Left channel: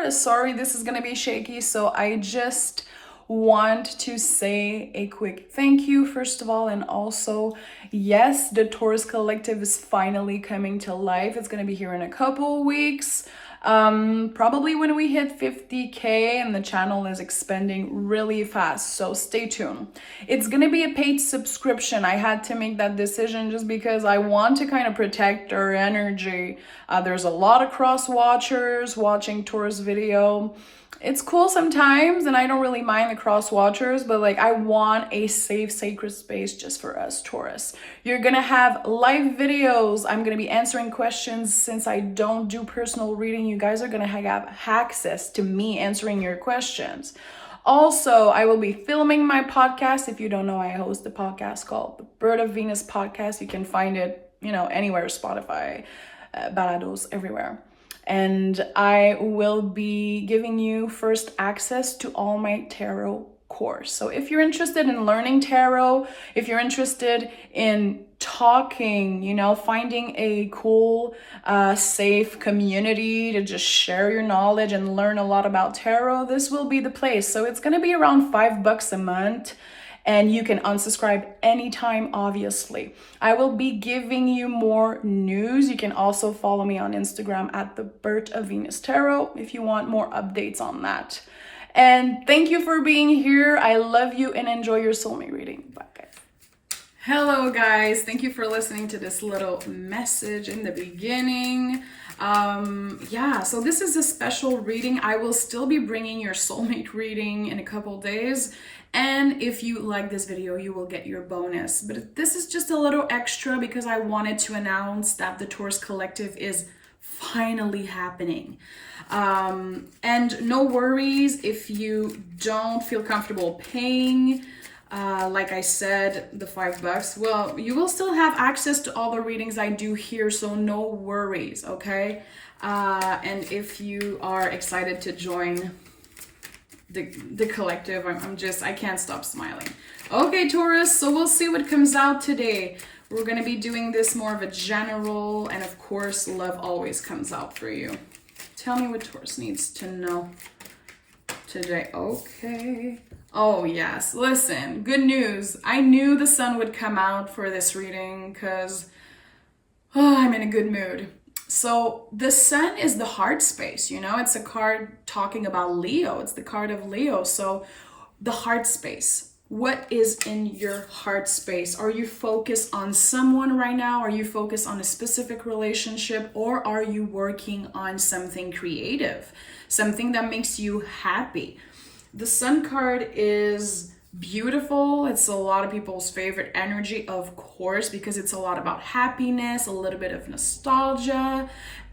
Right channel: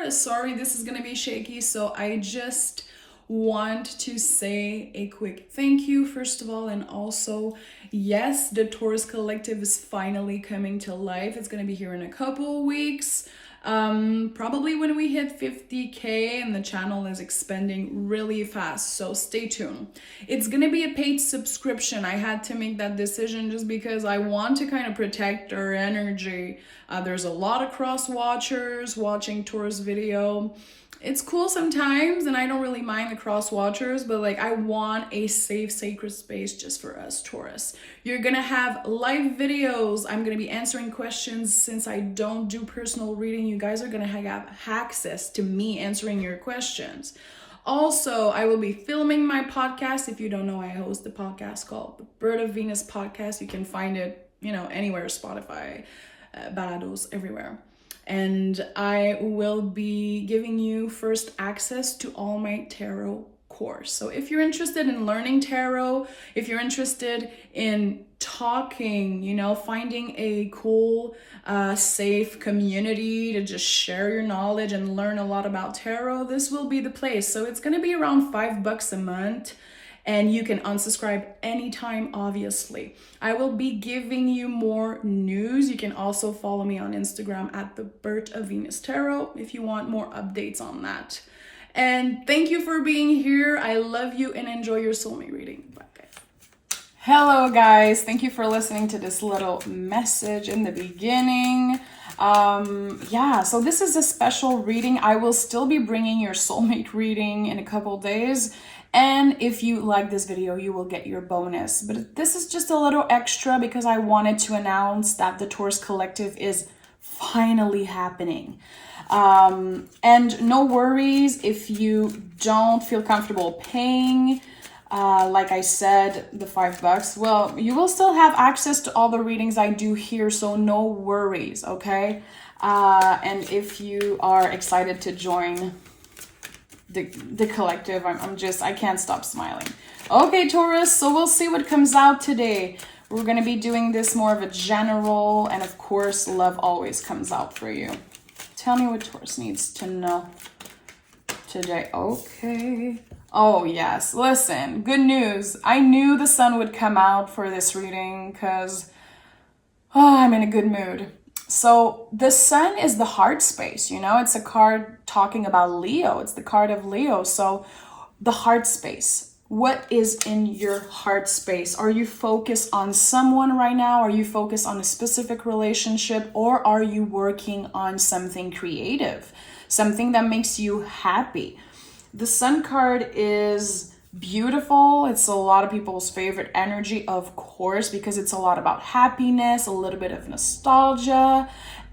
Taurus. Sorry, this is gonna be shaky, so I just want to say a quick thank you, first of all, and also, yes, the Taurus Collective is finally coming to life. It's gonna be here in a couple weeks. Probably when we hit 50K, and the channel is expanding really fast, so stay tuned. It's gonna be a paid subscription. I had to make that decision just because I want to kind of protect our energy. There's a lot of cross watchers watching Taurus video. It's cool sometimes, and I don't really mind the cross watchers, but like I want a safe, sacred space just for us, Taurus. You're gonna have live videos. I'm gonna be answering questions. Since I don't do personal reading, you guys are gonna have access to me answering your questions. Also, I will be filming my podcast. If you don't know, I host a podcast called the Bird of Venus Podcast. You can find it, anywhere, Spotify, Balados, everywhere. And I will be giving you first access to all my tarot course. So if you're interested in learning tarot, if you're interested in talking, finding a cool, safe community to just share your knowledge and learn a lot about tarot, this will be the place. So it's going to be around $5 a month. And you can unsubscribe anytime, obviously. I will be giving you more news. You can also follow me on Instagram at the Bird of Venus Tarot if you want more updates on that. And thank you for being here. I love you and enjoy your soulmate reading. Bye, guys. Hello, guys. Thank you for listening to this little message in the beginning. So this is a special reading. I will still be bringing your soulmate reading in a couple days. And if you like this video, you will get your bonus. But this is just a little extra because I wanted to announce that the Taurus Collective is finally happening. And no worries if you don't feel comfortable paying. Like I said, the $5. Well, you will still have access to all the readings I do here, so no worries, okay? And if you are excited to join the collective, I can't stop smiling. Okay, Taurus, so we'll see what comes out today. We're going to be doing this more of a general, and of course, love always comes out for you. Tell me what Taurus needs to know today. Okay. Oh, yes. Listen, good news. I knew the sun would come out for this reading because I'm in a good mood. So the sun is the heart space, it's a card talking about Leo. It's the card of Leo. So the heart space, what is in your heart space? Are you focused on someone right now? Are you focused on a specific relationship? Or are you working on something creative, something that makes you happy? The sun card is beautiful. It's a lot of people's favorite energy, of course, because it's a lot about happiness, a little bit of nostalgia,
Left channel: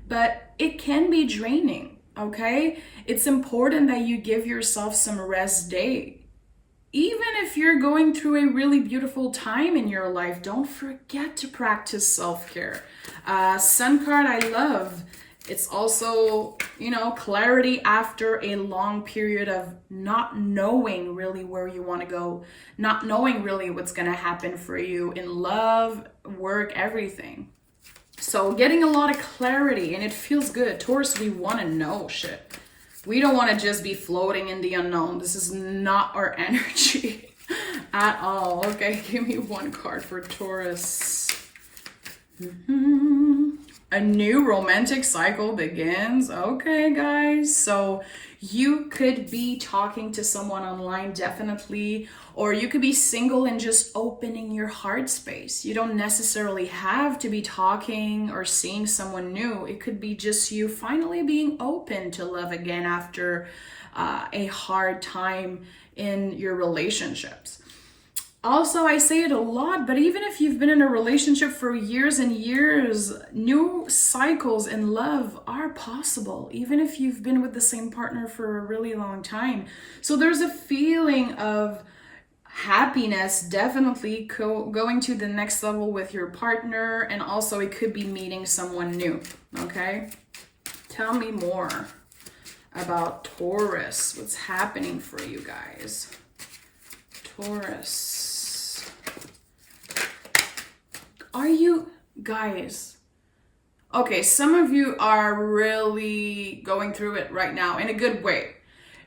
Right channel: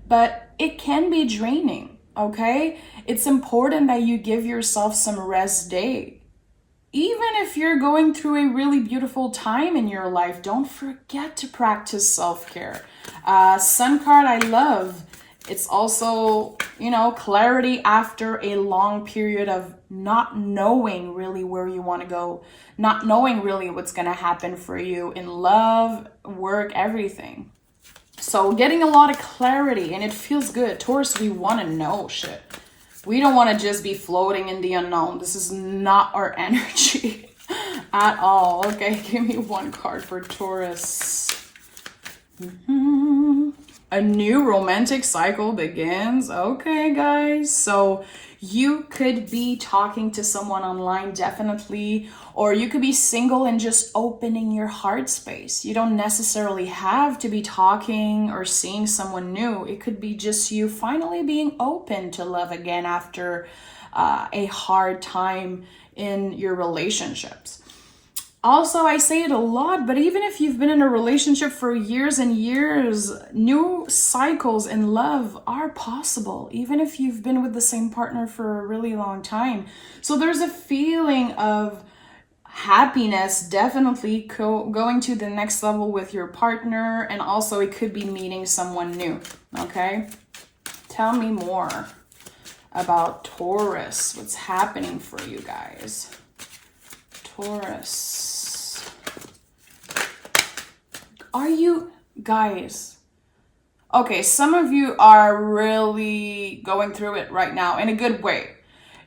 but it can be draining, okay? It's important that you give yourself some rest day. Even if you're going through a really beautiful time in your life, don't forget to practice self-care. Sun card, I love. It's also, clarity after a long period of not knowing really where you want to go, not knowing really what's going to happen for you in love, work, everything. So getting a lot of clarity, and it feels good. Taurus, we want to know shit. We don't want to just be floating in the unknown. This is not our energy at all. Okay, give me one card for Taurus. A new romantic cycle begins. Okay, guys. So you could be talking to someone online, definitely, or you could be single and just opening your heart space. You don't necessarily have to be talking or seeing someone new. It could be just you finally being open to love again after a hard time in your relationships. Also, I say it a lot, but even if you've been in a relationship for years and years, new cycles in love are possible, even if you've been with the same partner for a really long time. So there's a feeling of happiness, definitely going to the next level with your partner, and also it could be meeting someone new, okay? Tell me more about Taurus. What's happening for you guys? Taurus. Are you, guys, Okay, some of you are really going through it right now in a good way.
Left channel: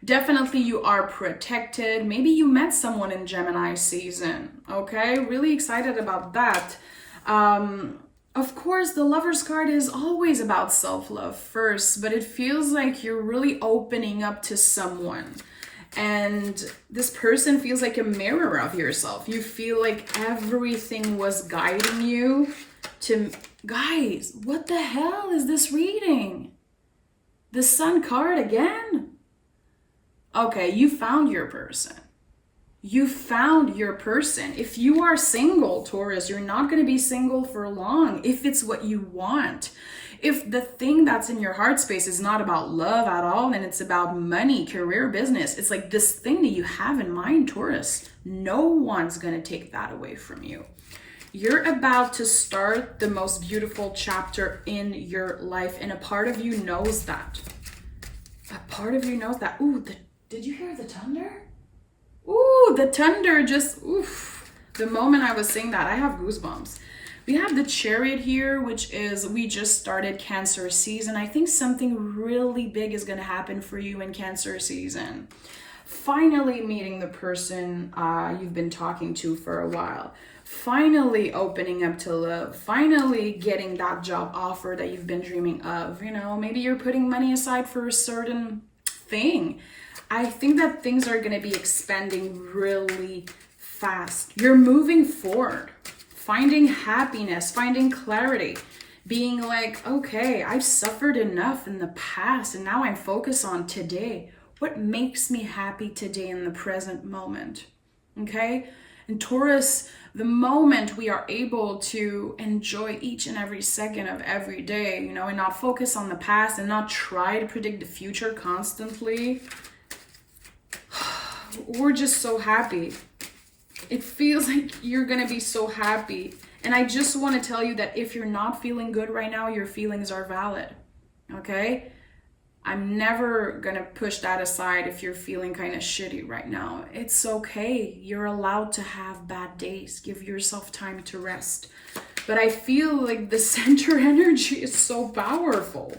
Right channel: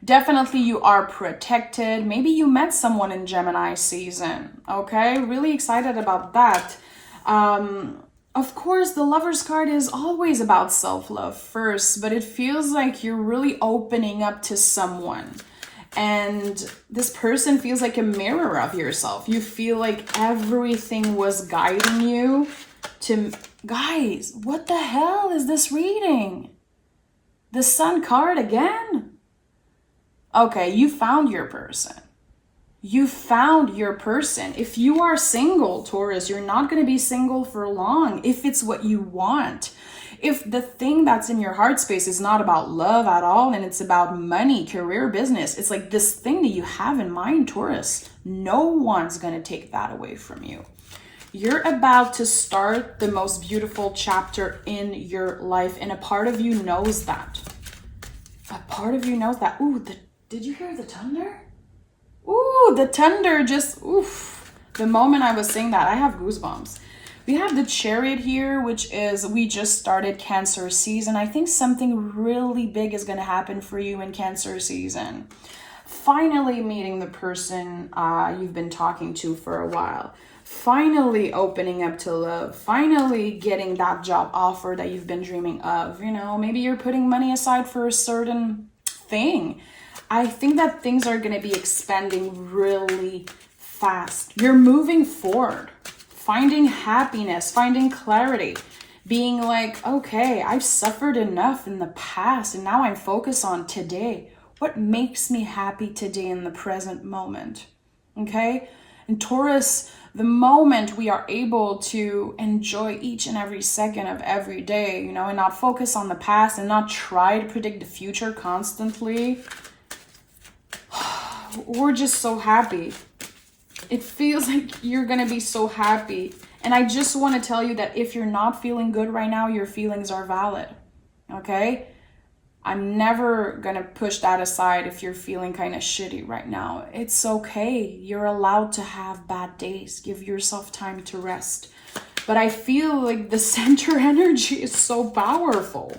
Definitely you are protected. Maybe you met someone in Gemini season, okay? Really excited about that. Of course, the Lover's card is always about self-love first, but it feels like you're really opening up to someone. And this person feels like a mirror of yourself. You feel like everything was guiding you to... Guys, what the hell is this reading? The Sun card again? Okay, you found your person. You found your person. If you are single, Taurus, you're not going to be single for long if it's what you want. If the thing that's in your heart space is not about love at all and it's about money, career, business, it's like this thing that you have in mind, Taurus, no one's going to take that away from you. You're about to start the most beautiful chapter in your life, and a part of you knows that. A part of you knows that. Ooh, did you hear the thunder? Ooh, the thunder just, oof. The moment I was saying that, I have goosebumps. We have the Chariot here, which is, we just started Cancer season. I think something really big is going to happen for you in Cancer season. Finally meeting the person you've been talking to for a while. Finally opening up to love. Finally getting that job offer that you've been dreaming of. You know, maybe you're putting money aside for a certain thing. I think that things are going to be expanding really fast. You're moving forward, finding happiness, finding clarity, being like, okay, I've suffered enough in the past and now I'm focused on today. What makes me happy today in the present moment? Okay? And Taurus, the moment we are able to enjoy each and every second of every day, you know, and not focus on the past and not try to predict the future constantly, we're just so happy. It feels like you're gonna be so happy. And I just want to tell you that if you're not feeling good right now, your feelings are valid. Okay? I'm never gonna push that aside if you're feeling kind of shitty right now. It's okay. You're allowed to have bad days. Give yourself time to rest. But I feel like the center energy is so powerful.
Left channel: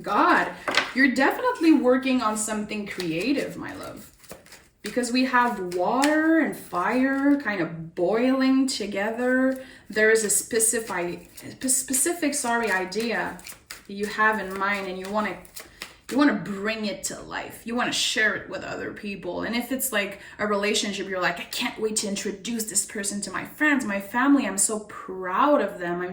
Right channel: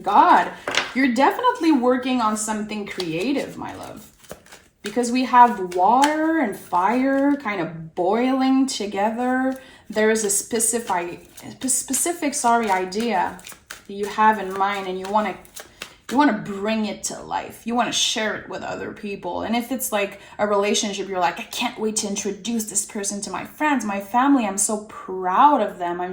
God, you're definitely working on something creative, my love. Because we have water and fire kind of boiling together. There is a specific idea that you have in mind, and you want to bring it to life. You want to share it with other people. And if it's like a relationship, you're like, I can't wait to introduce this person to my friends, my family. I'm so proud of them. I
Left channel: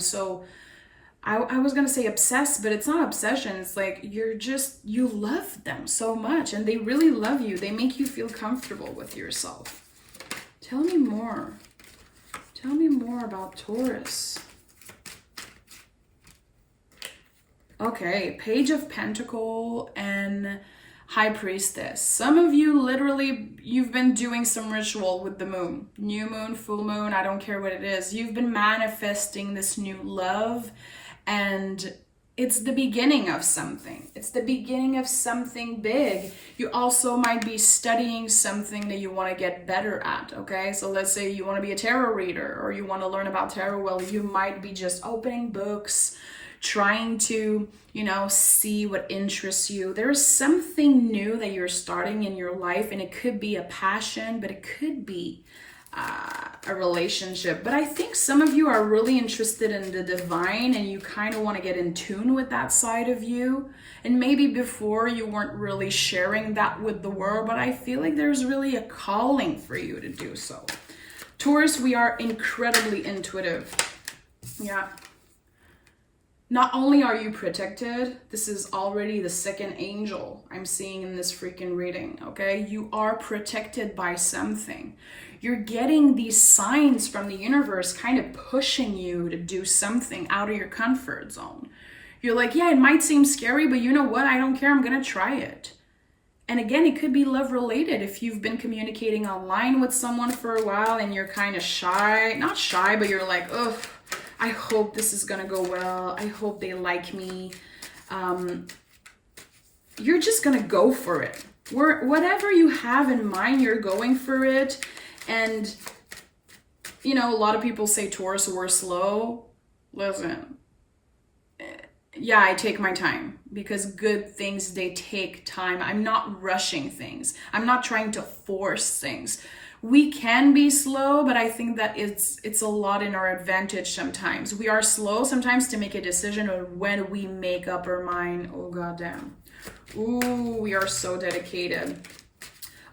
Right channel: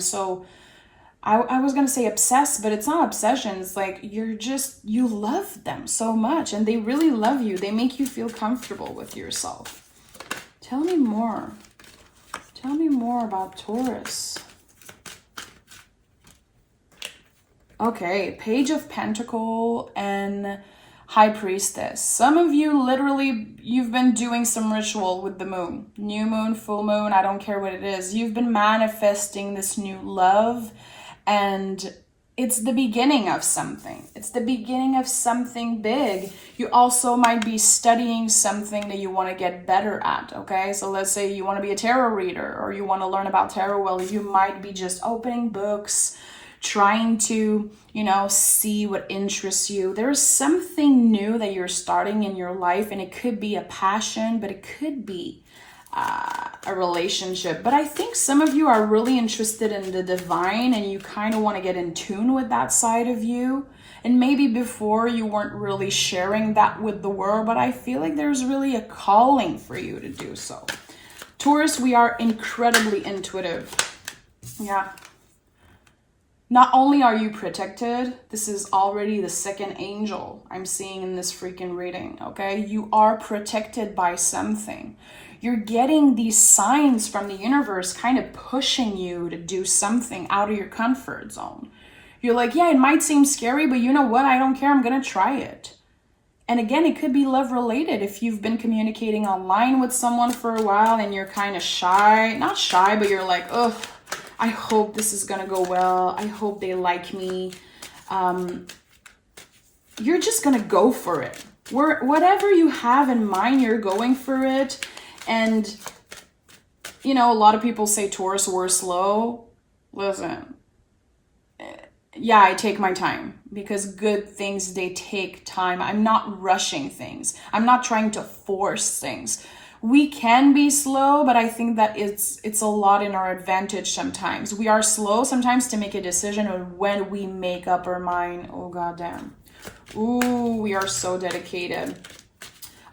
was going to say obsessed, but it's not obsession. It's like you love them so much and they really love you. They make you feel comfortable with yourself. Tell me more. Tell me more about Taurus. Okay, Page of Pentacle and High Priestess. Some of you literally, you've been doing some ritual with the moon. New moon, full moon, I don't care what it is. You've been manifesting this new love. And it's the beginning of something. It's the beginning of something big. You also might be studying something that you want to get better at, okay? So let's say you want to be a tarot reader or you want to learn about tarot. Well, you might be just opening books, trying to, you know, see what interests you. There is something new that you're starting in your life, and it could be a passion, but it could be a relationship. But I think some of you are really interested in the divine and you kind of want to get in tune with that side of you. And maybe before you weren't really sharing that with the world, but I feel like there's really a calling for you to do so. Taurus, we are incredibly intuitive. Yeah. Not only are you protected, this is already the second angel I'm seeing in this freaking reading, okay? You are protected by something. You're getting these signs from the universe kind of pushing you to do something out of your comfort zone. You're like, yeah, it might seem scary, but you know what? I don't care. I'm going to try it. And again, it could be love related. If you've been communicating online with someone for a while and you're kind of shy, not shy, but you're like, oh, I hope this is going to go well. I hope they like me. You're just going to go for it. Whatever you have in mind, you're going for it. And, you know, a lot of people say Taurus, we're slow. Listen, yeah, I take my time, because good things, they take time. I'm not rushing things. I'm not trying to force things. We can be slow, but I think that it's a lot in our advantage sometimes. We are slow sometimes to make a decision, or when we make up our mind, oh goddamn. Ooh, we are so dedicated.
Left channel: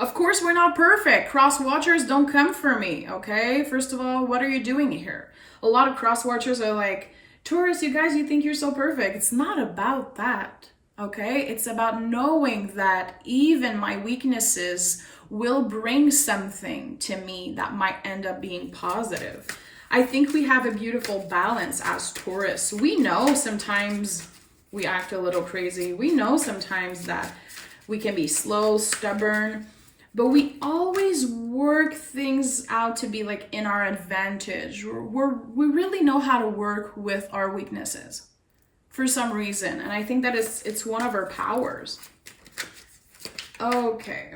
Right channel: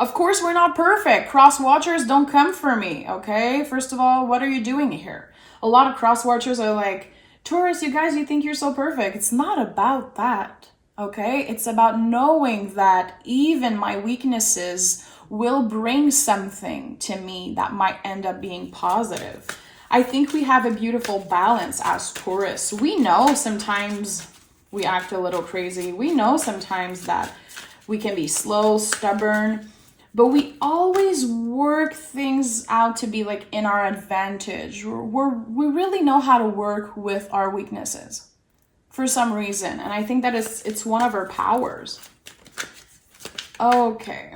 Of course, we're not perfect. Cross watchers, don't come for me, okay? First of all, what are you doing here? A lot of cross watchers are like, Taurus, you guys, you think you're so perfect. It's not about that, okay? It's about knowing that even my weaknesses will bring something to me that might end up being positive. I think we have a beautiful balance as Taurus. We know sometimes we act a little crazy. We know sometimes that we can be slow, stubborn, but we always work things out to be like in our advantage. We really know how to work with our weaknesses for some reason. And I think that it's one of our powers. Okay.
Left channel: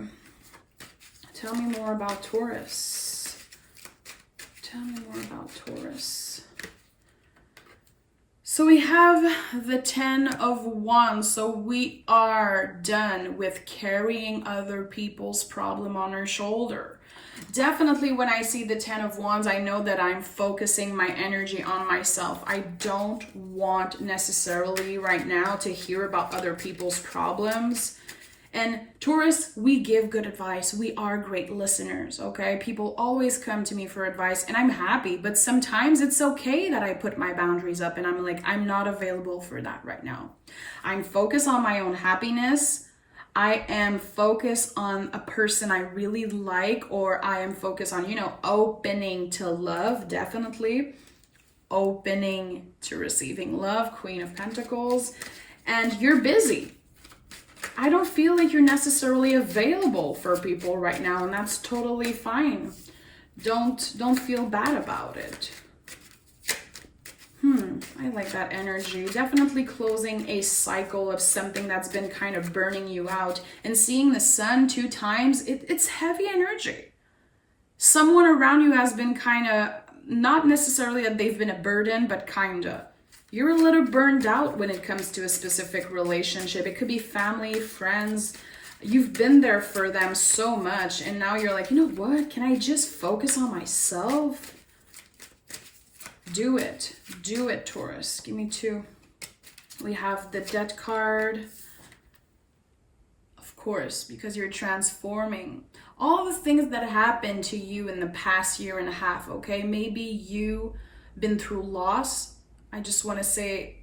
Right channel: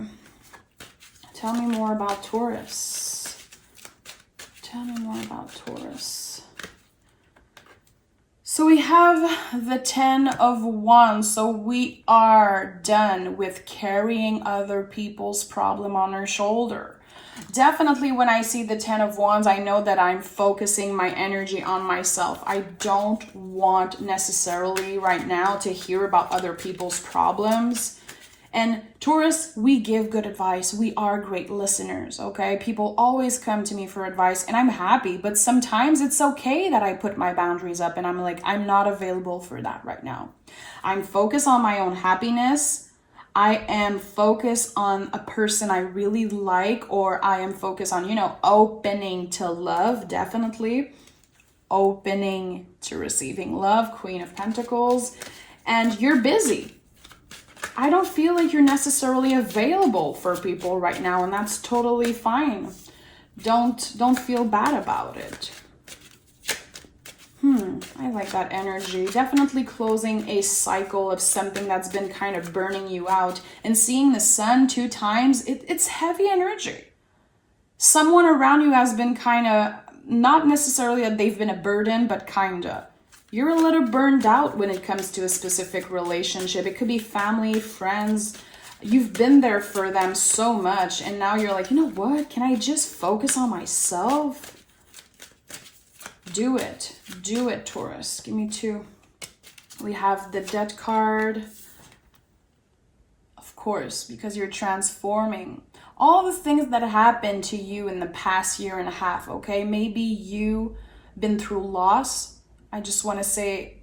Tell me more about Taurus. Tell me more about Taurus. So we have the 10 of Wands. So we are done with carrying other people's problem on our shoulder. Definitely when I see the 10 of Wands, I know that I'm focusing my energy on myself. I don't want necessarily right now to hear about other people's problems. And Taurus, we give good advice. We are great listeners, okay? People always come to me for advice, and I'm happy, but sometimes it's okay that I put my boundaries up and I'm like, I'm not available for that right now. I'm focused on my own happiness. I am focused on a person I really like, or I am focused on, opening to love, definitely. Opening to receiving love, Queen of Pentacles. And you're busy. I don't feel like you're necessarily available for people right now, and that's totally fine. Don't feel bad about it. I like that energy. Definitely closing a cycle of something that's been kind of burning you out. And seeing the sun 2 times, it's heavy energy. Someone around you has been kind of, not necessarily that they've been a burden, but kind of. You're a little burned out when it comes to a specific relationship. It could be family, friends. You've been there for them so much, and now you're like, you know what? Can I just focus on myself? Do it. Do it, Taurus. Give me 2. We have the Death card. Of course, because you're transforming. All the things that happened to you in the past year and a half, okay? Maybe you've been through loss. I just want to say,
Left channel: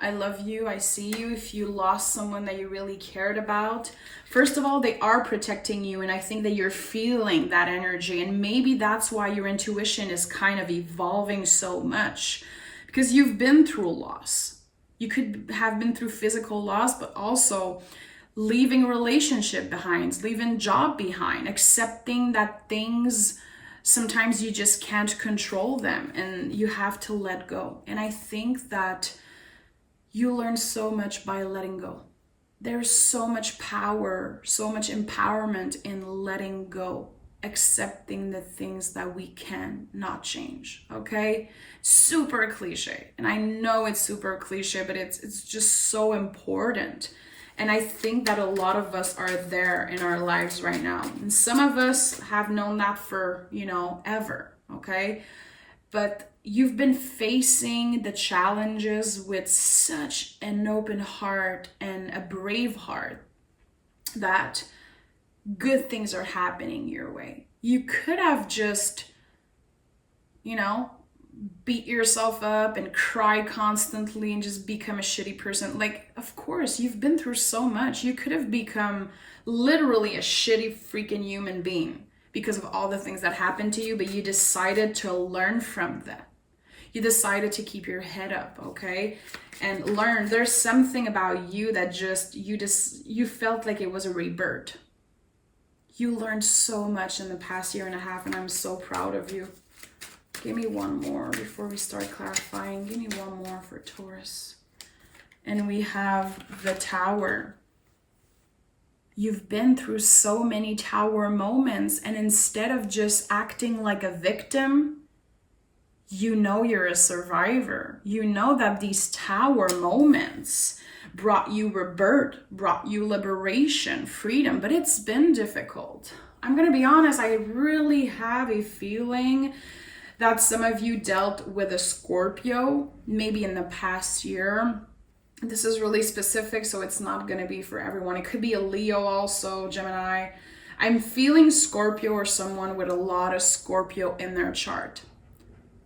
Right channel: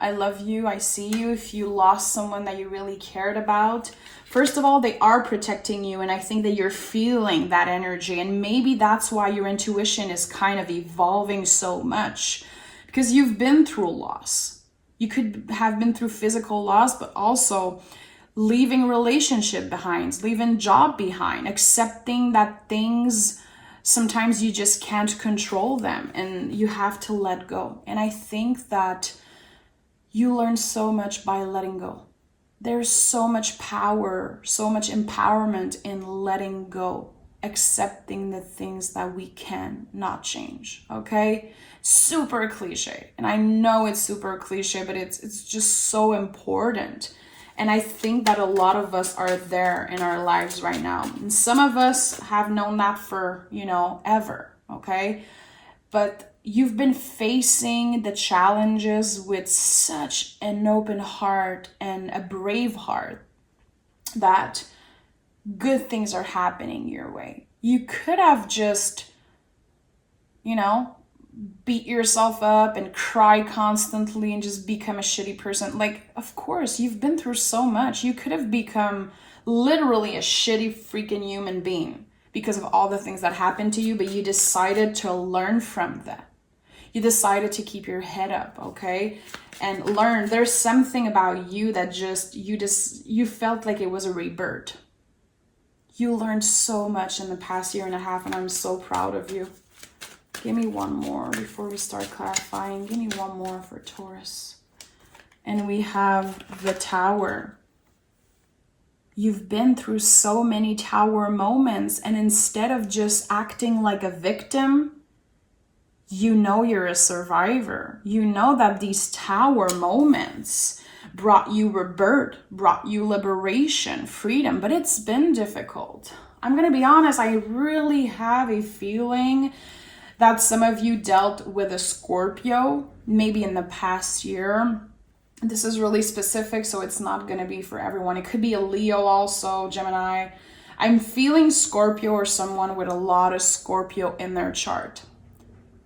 I love you. I see you. If you lost someone that you really cared about, first of all, they are protecting you. And I think that you're feeling that energy. And maybe that's why your intuition is kind of evolving so much, because you've been through loss. You could have been through physical loss, but also leaving relationship behind, leaving job behind, accepting that things, sometimes you just can't control them and you have to let go. And I think that you learn so much by letting go. There's so much power, so much empowerment in letting go, accepting the things that we can not change, okay? Super cliche. And I know it's super cliche, but it's just so important. And I think that a lot of us are there in our lives right now. And some of us have known that for, ever, okay? But you've been facing the challenges with such an open heart and a brave heart that good things are happening your way. You could have just, beat yourself up and cry constantly and just become a shitty person. Like, of course, you've been through so much. You could have become literally a shitty freaking human being because of all the things that happened to you, but you decided to learn from them. You decided to keep your head up, okay? And learn. There's something about you that you felt like it was a rebirth. You learned so much in the past year and a half, and I'm so proud of you. Give me one more before we start clarifying. Give me one more for Taurus. And we have the Tower. You've been through so many Tower moments, and instead of just acting like a victim, You know you're a survivor. You know that these tower moments brought you rebirth, brought you liberation, freedom, but it's been difficult. I'm going to be honest, I really have a feeling that some of you dealt with a Scorpio, maybe in the past year. This is really specific, so it's not going to be for everyone. It could be a Leo also, Gemini. I'm feeling Scorpio or someone with a lot of Scorpio in their chart.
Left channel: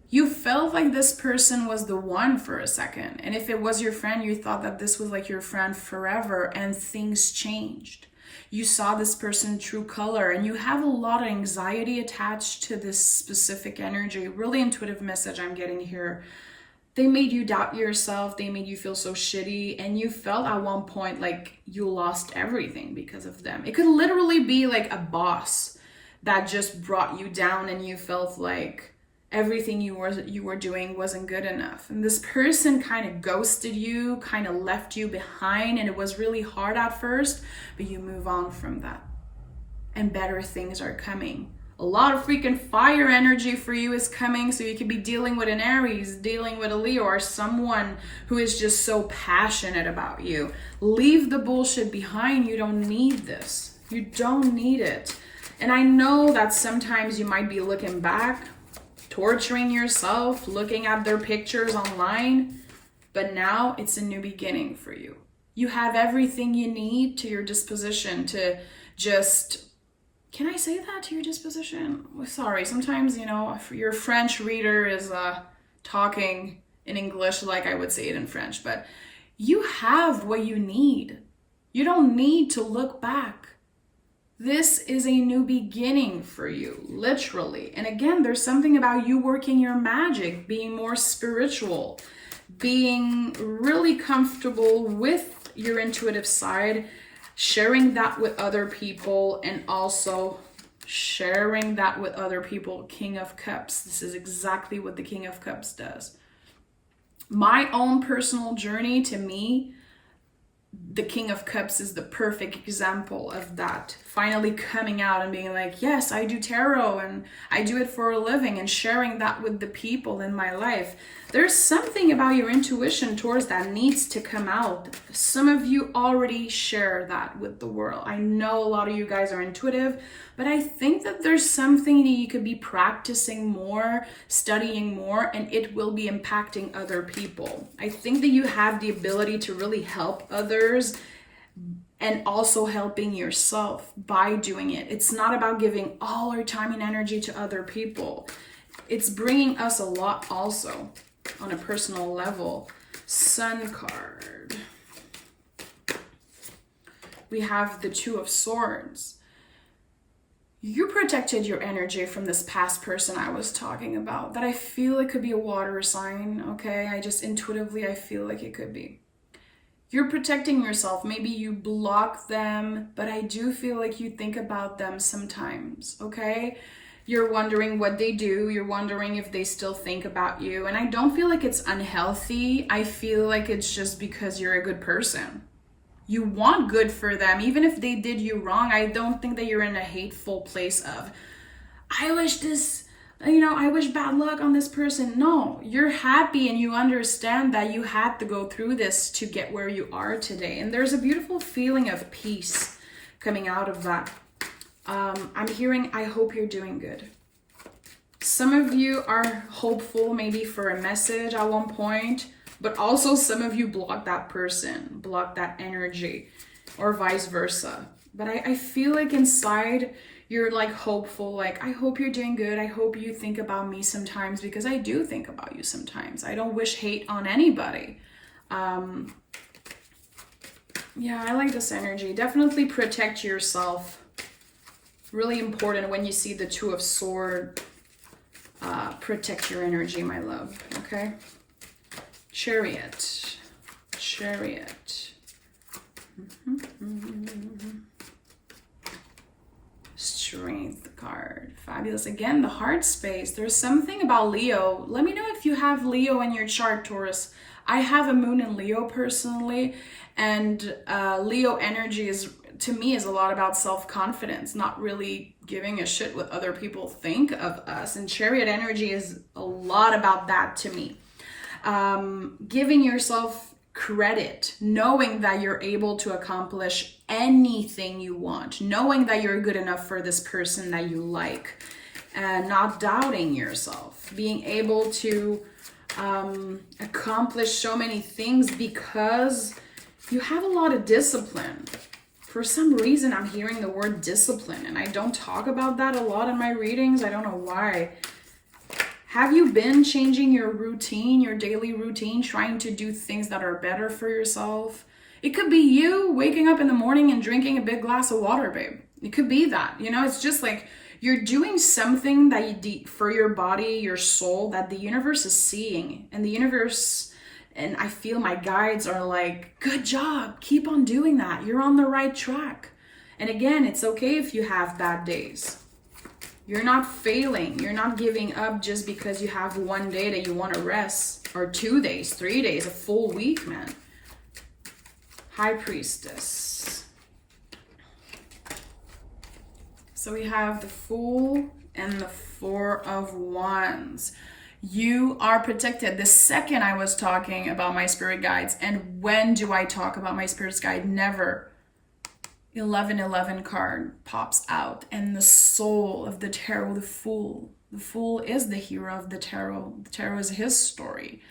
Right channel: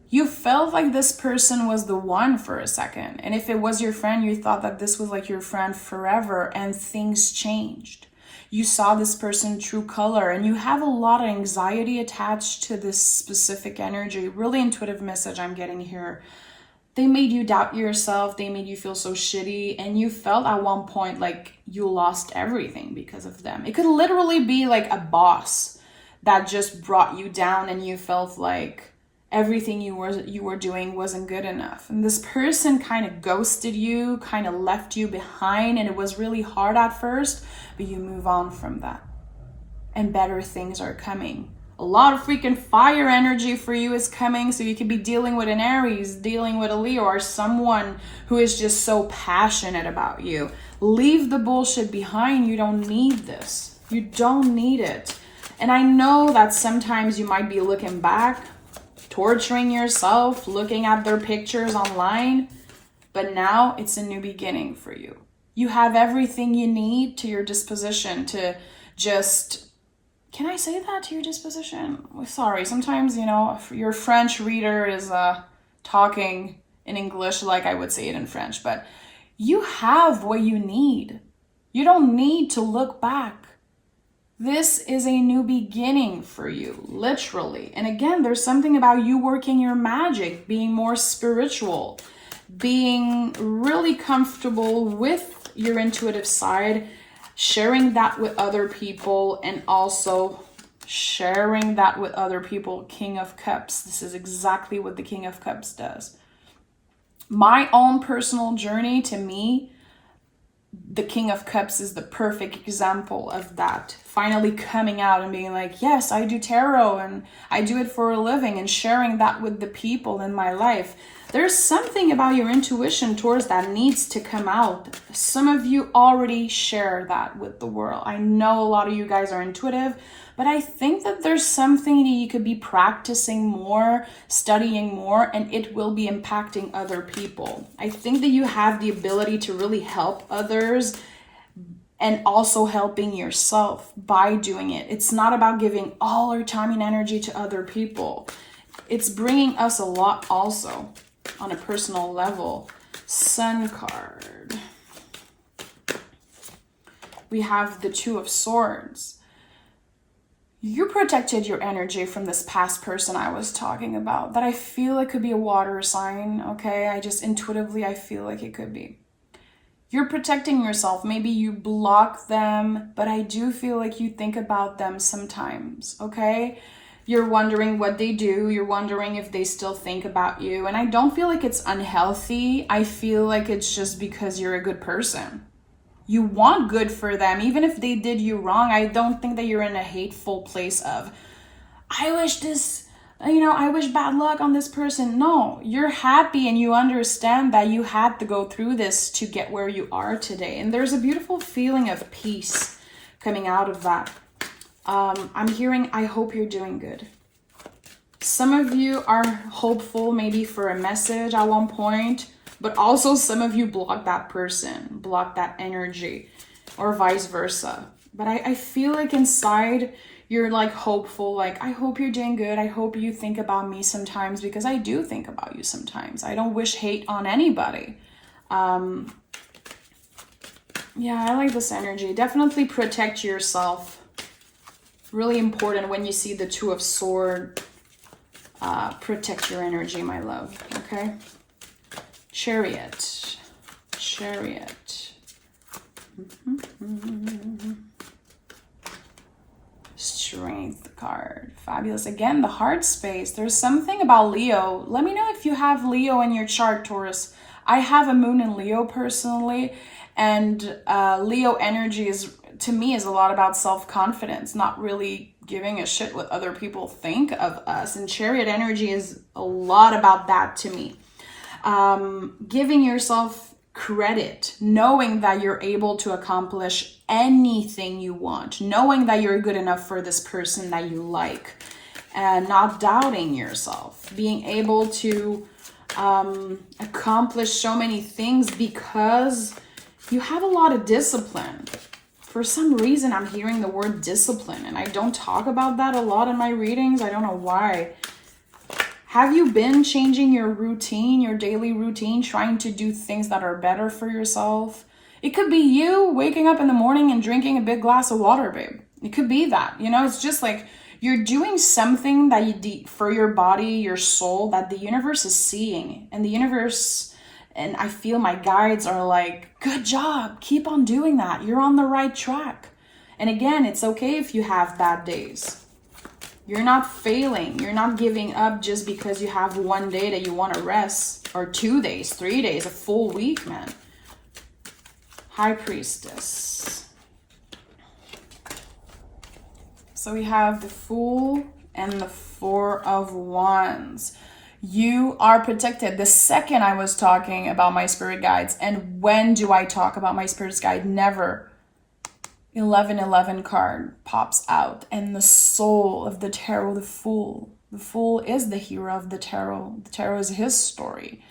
You felt like this person was the one for a second. And if it was your friend, you thought that this was like your friend forever, and things changed. You saw this person true color, and you have a lot of anxiety attached to this specific energy. Really intuitive message I'm getting here. They made you doubt yourself. They made you feel so shitty. And you felt at one point like you lost everything because of them. It could literally be like a boss that just brought you down, and you felt like everything you were doing wasn't good enough. And this person kind of ghosted you, kind of left you behind, and it was really hard at first, but you move on from that. And better things are coming. A lot of freaking fire energy for you is coming, so you could be dealing with an Aries, dealing with a Leo, or someone who is just so passionate about you. Leave the bullshit behind. You don't need this. You don't need it. And I know that sometimes you might be looking back, torturing yourself, looking at their pictures online, but now it's a new beginning for you. You have everything you need to your disposition to just, can I say that, to your disposition? Sorry, sometimes, your French reader is talking in English like I would say it in French, but you have what you need. You don't need to look back. This is a new beginning for you, literally. And again, there's something about you working your magic, being more spiritual, being really comfortable with your intuitive side, sharing that with other people, and also sharing that with other people. King of Cups. This is exactly what the King of Cups does. My own personal journey, to me, the King of Cups is the perfect example of that. Finally coming out and being like, yes, I do tarot and I do it for a living, and sharing that with the people in my life. There's something about your intuition towards that needs to come out. Some of you already share that with the world. I know a lot of you guys are intuitive, but I think that there's something that you could be practicing more, studying more, and it will be impacting other people. I think that you have the ability to really help others and also helping yourself by doing it. It's not about giving all our time and energy to other people. It's bringing us a lot also on a personal level. Sun card. We have the Two of Swords. You protected your energy from this past person I was talking about, that I feel it could be a water sign, okay? I just intuitively, I feel like it could be. You're protecting yourself. Maybe you block them, but I do feel like you think about them sometimes, okay? You're wondering what they do. You're wondering if they still think about you. And I don't feel like it's unhealthy. I feel like it's just because you're a good person. You want good for them. Even if they did you wrong, I don't think that you're in a hateful place of, I wish this, I wish bad luck on this person. No, you're happy and you understand that you had to go through this to get where you are today. And there's a beautiful feeling of peace coming out of that. I'm hearing, I hope you're doing good. Some of you are hopeful maybe for a message at one point, but also some of you block that person, block that energy, or vice versa. But I feel like inside you're like hopeful, like, I hope you're doing good. I hope you think about me sometimes, because I do think about you sometimes. I don't wish hate on anybody. Yeah, I like this energy. Definitely protect yourself. Really important when you see the Two of Swords. Protect your energy, my love, okay? Chariot. Strength card. Fabulous. Again, the heart space. There's something about Leo. Let me know if you have Leo in your chart, Taurus. I have a moon in Leo personally, and Leo energy is to me, is a lot about self-confidence, not really giving a shit what other people think of us. And Chariot energy is a lot about that to me. Giving yourself credit, knowing that you're able to accomplish anything you want, knowing that you're good enough for this person that you like, and not doubting yourself, being able to accomplish so many things because you have a lot of discipline. For some reason, I'm hearing the word discipline, and I don't talk about that a lot in my readings. I don't know why. Have you been changing your routine, your daily routine, trying to do things that are better for yourself? It could be you waking up in the morning and drinking a big glass of water, babe. It could be that, you know, it's just like you're doing something that you for your body, your soul, that the universe is seeing. And the universe, and I feel my guides are like, good job, keep on doing that. You're on the right track. And again, it's okay if you have bad days. You're not failing. You're not giving up just because you have one day that you want to rest, or 2 days, 3 days, a full week, man. High Priestess. So we have the Fool and the Four of Wands. You are protected. The second I was talking about my spirit guides, and when do I talk about my spirit guide? Never. 1111 card pops out, and the soul of the tarot, the Fool. The Fool is the hero of the tarot. The tarot is his story.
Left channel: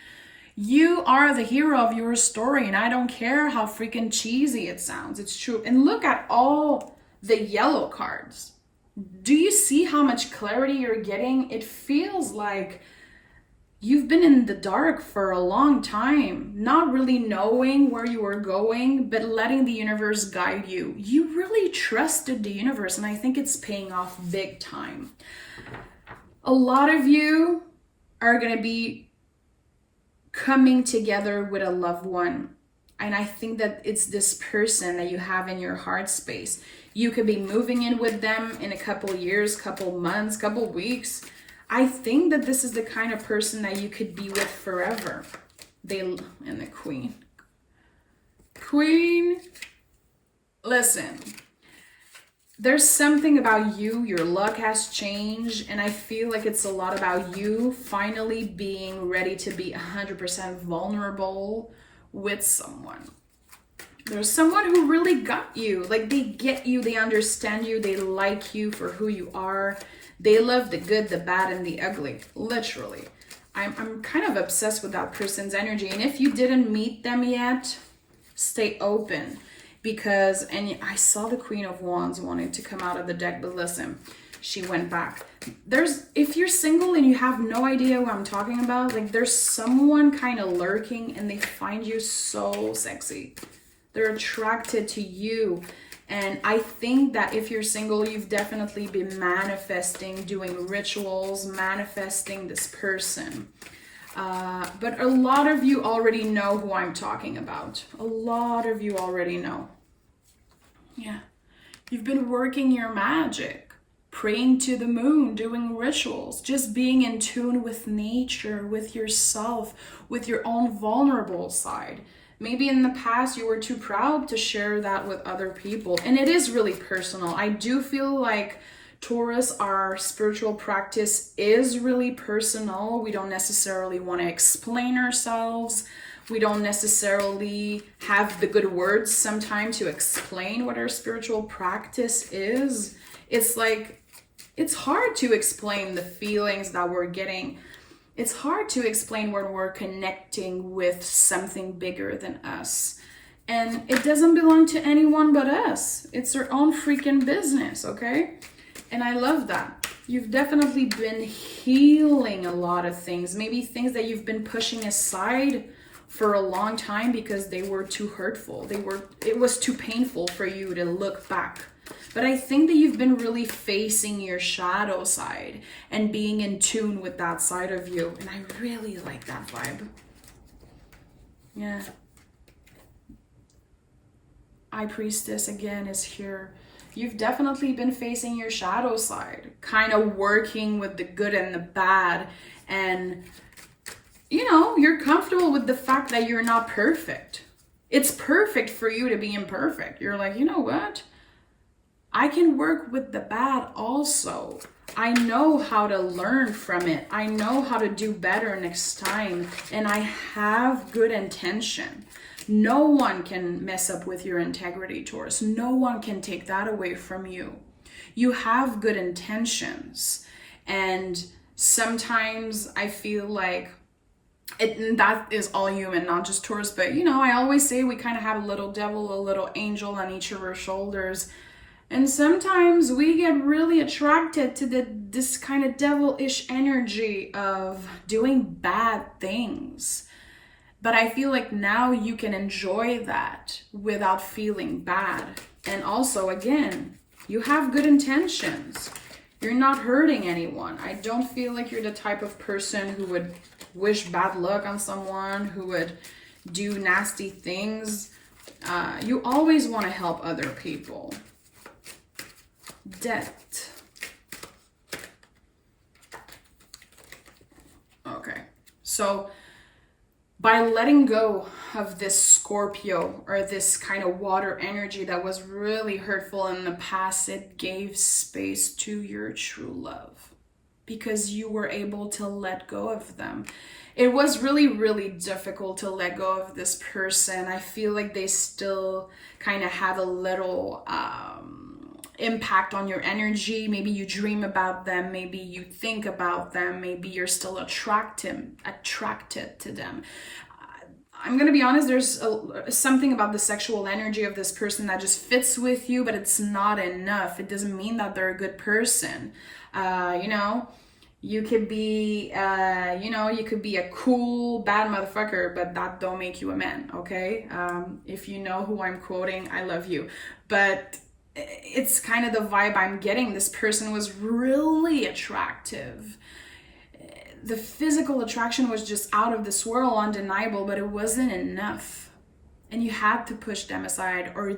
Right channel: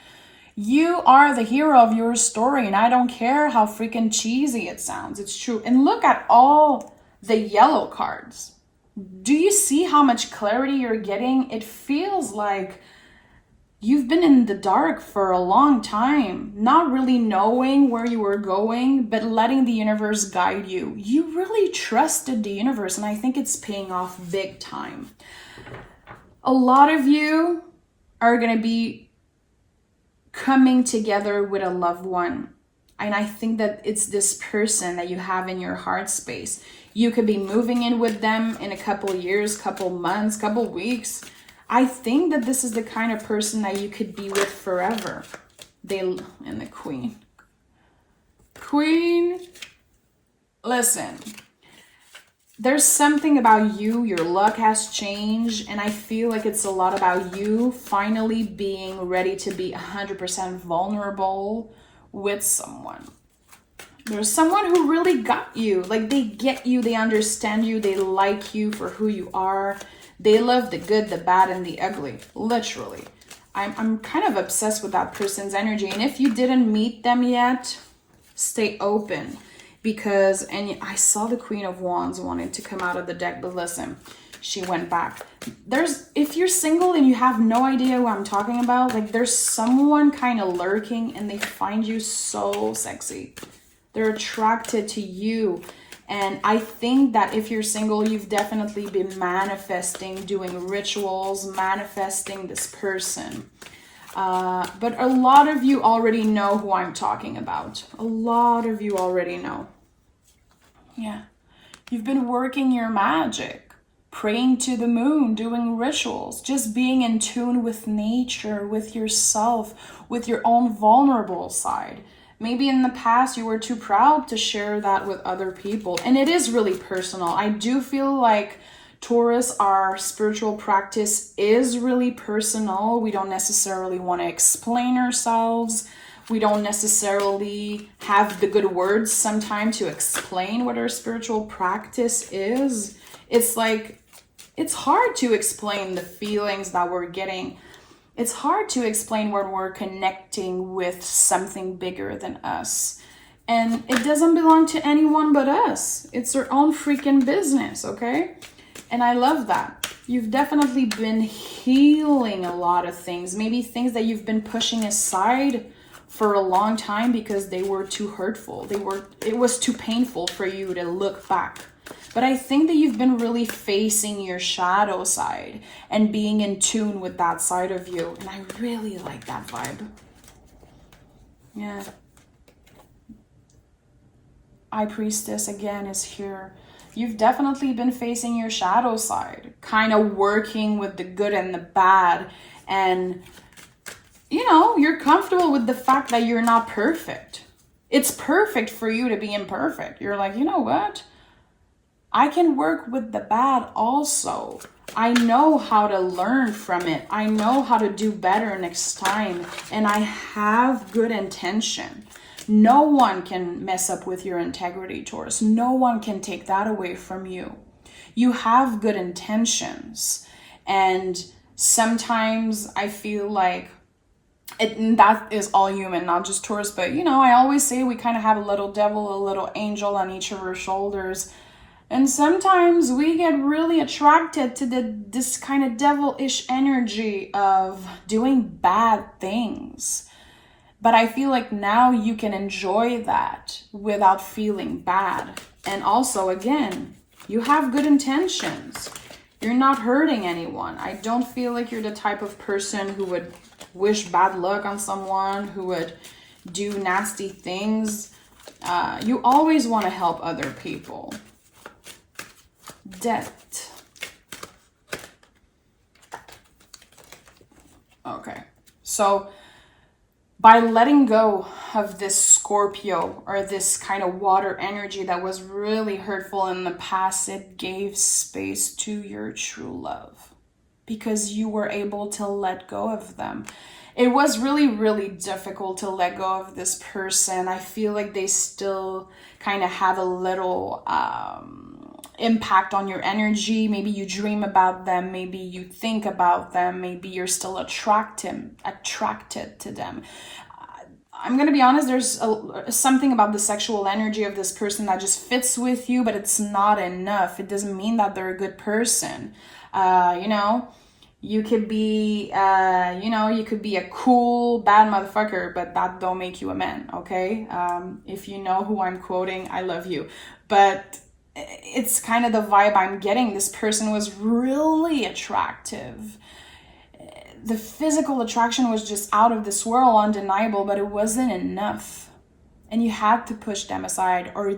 You are the hero of your story, and I don't care how freaking cheesy it sounds. It's true. And look at all the yellow cards. Do you see how much clarity you're getting? It feels like you've been in the dark for a long time, not really knowing where you were going, but letting the universe guide you. You really trusted the universe, and I think it's paying off big time. A lot of you are going to be coming together with a loved one. And I think that it's this person that you have in your heart space. You could be moving in with them in a couple years, couple months, couple weeks. I think that this is the kind of person that you could be with forever. And the Queen. Queen, listen. There's something about you, your luck has changed, and I feel like it's a lot about you finally being ready to be 100% vulnerable with someone. There's someone who really got you. Like, they get you, they understand you, they like you for who you are. They love the good, the bad, and the ugly, literally. I'm kind of obsessed with that person's energy. And if you didn't meet them yet, stay open. Because, and I saw the Queen of Wands wanted to come out of the deck, but listen, she went back. If you're single and you have no idea what I'm talking about, like, there's someone kind of lurking and they find you so sexy. They're attracted to you. And I think that if you're single, you've definitely been manifesting, doing rituals, manifesting this person. But a lot of you already know who I'm talking about. A lot of you already know. Yeah. You've been working your magic, praying to the moon, doing rituals, just being in tune with nature, with yourself, with your own vulnerable side. Maybe in the past you were too proud to share that with other people. And it is really personal. I do feel like Taurus, our spiritual practice is really personal. We don't necessarily want to explain ourselves. We don't necessarily have the good words sometimes to explain what our spiritual practice is. It's like, it's hard to explain the feelings that we're getting. It's hard to explain when we're connecting with something bigger than us. And it doesn't belong to anyone but us. It's our own freaking business, okay? And I love that. You've definitely been healing a lot of things. Maybe things that you've been pushing aside for a long time because they were too hurtful. It was too painful for you to look back. But I think that you've been really facing your shadow side and being in tune with that side of you. And I really like that vibe. Yeah. High Priestess again is here. You've definitely been facing your shadow side, kind of working with the good and the bad. And, you know, you're comfortable with the fact that you're not perfect. It's perfect for you to be imperfect. You're like, you know what? I can work with the bad also. I know how to learn from it. I know how to do better next time. And I have good intention. No one can mess up with your integrity, Taurus. No one can take that away from you. You have good intentions. And sometimes I feel like that is all human, not just Taurus, but you know, I always say we kind of have a little devil, a little angel on each of our shoulders. And sometimes we get really attracted to this kind of devilish energy of doing bad things. But I feel like now you can enjoy that without feeling bad. And also, again, you have good intentions. You're not hurting anyone. I don't feel like you're the type of person who would wish bad luck on someone, who would do nasty things. You always want to help other people. Debt. Okay, so by letting go of this Scorpio or this kind of water energy that was really hurtful in the past, it gave space to your true love because you were able to let go of them. It was really, really difficult to let go of this person. I feel like they still kind of have a little impact on your energy. Maybe you dream about them, maybe you think about them, maybe you're still attracted to them. I'm gonna be honest, there's something about the sexual energy of this person that just fits with you, but it's not enough. It doesn't mean that they're a good person. You know, you could be you could be a cool bad motherfucker, but that don't make you a man. Okay, if you know who I'm quoting, I love you, but it's kind of the vibe I'm getting. This person was really attractive. The physical attraction was just out of this world, undeniable, but it wasn't enough. And you had to push them aside, or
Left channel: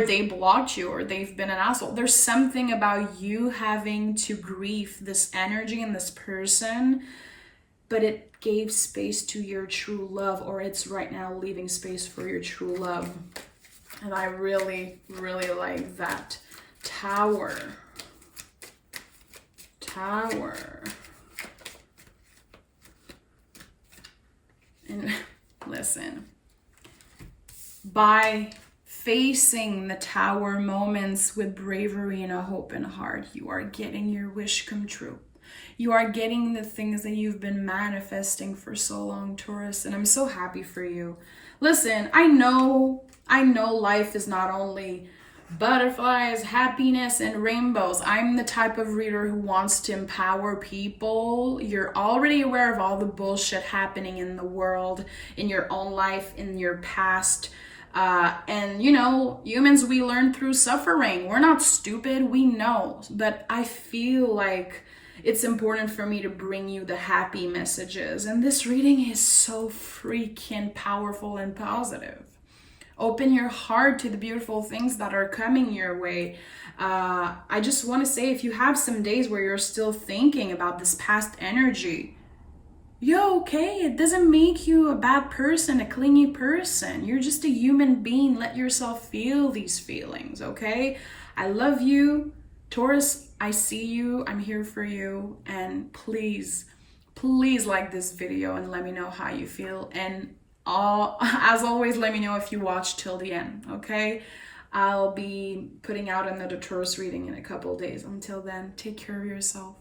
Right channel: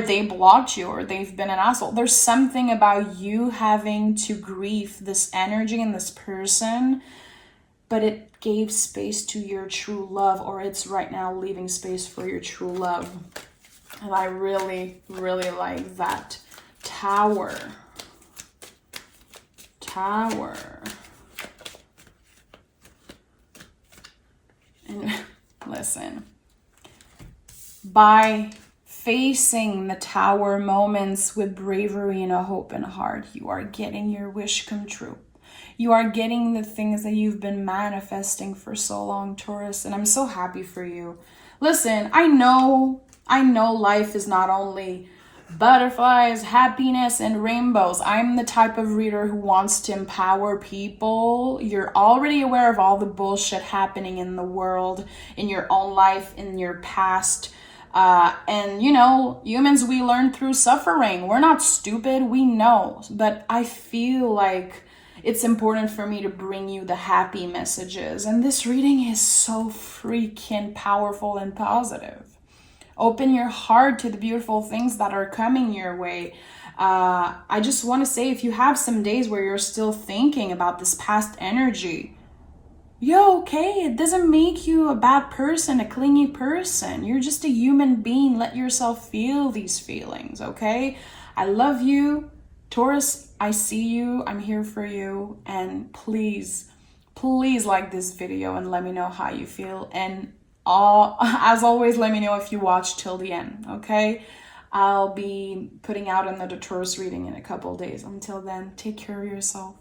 they blocked you, or they've been an asshole. There's something about you having to grieve this energy in this person, but it gave space to your true love, or it's right now leaving space for your true love. And I really, really like that. Tower. And listen, by facing the Tower moments with bravery and a hope and heart, you are getting your wish come true. You are getting the things that you've been manifesting for so long, Taurus, and I'm so happy for you. Listen, I know life is not only butterflies, happiness, and rainbows. I'm the type of reader who wants to empower people. You're already aware of all the bullshit happening in the world, in your own life, in your past. And you know, humans, we learn through suffering. We're not stupid, we know. But I feel like it's important for me to bring you the happy messages. And this reading is so freaking powerful and positive. Open your heart to the beautiful things that are coming your way. I just want to say, if you have some days where you're still thinking about this past energy, you're okay. It doesn't make you a bad person, a clingy person. You're just a human being. Let yourself feel these feelings, okay? I love you. Taurus, I see you. I'm here for you. And please like this video and let me know how you feel. And as always, let me know if you watch till the end, okay? I'll be putting out another Taurus reading in a couple days. Until then, take care of yourself.